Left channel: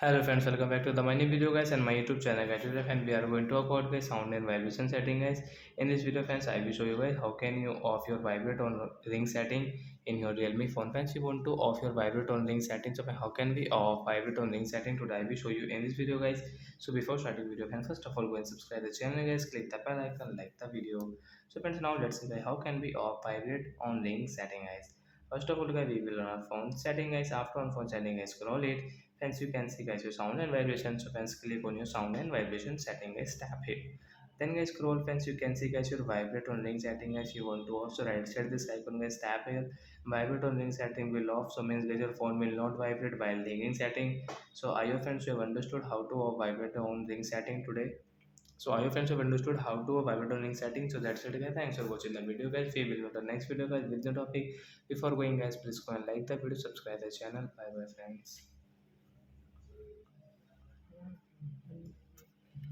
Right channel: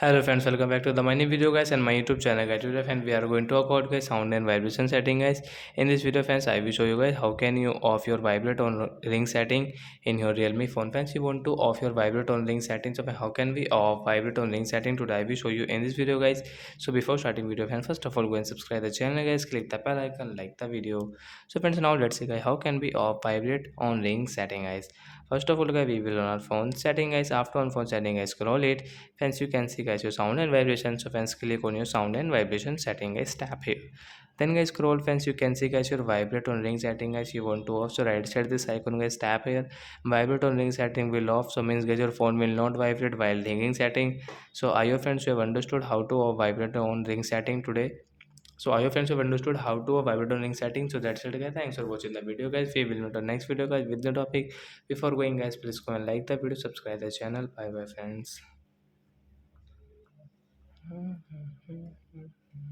Hello friends, welcome back to the money video guys and my YouTube channel guys. Today friends we are going to talk about guys sound and vibration setting guys. In this video friends I will show you guys how can you off your vibrate on ring setting in your realme phone. Friends you want to off your vibrate on ring setting, so how can we off vibrate on ring setting? Today I will show you in this video guys. So before starting video friends, first of all go and subscribe the channel guys, click the bell icon, like the video. So friends, now let's see guys how can we off vibrate on ring setting guys. First of all guys, we will on our phone setting guys. After on phone setting guys, scroll it. Hence you can see guys your sound and vibration. So friends, click on your sound and vibration setting guys, tap here. Then guys scroll friends, you can see guys your vibrate on ring setting guys. You want to off, so right side this icon guys, tap here. Vibrate on ring setting will off, so means guys your phone will not vibrate while ringing setting. So are your friends, you have understood how to off vibrate on ring setting today? So I hope friends have understood how to vibrate on ring setting. So that's it guys. Thanks for watching the video guys. We will meet on next video guys with the topic. Before going guys, please go and like the video, subscribe the channel. Bye bye friends.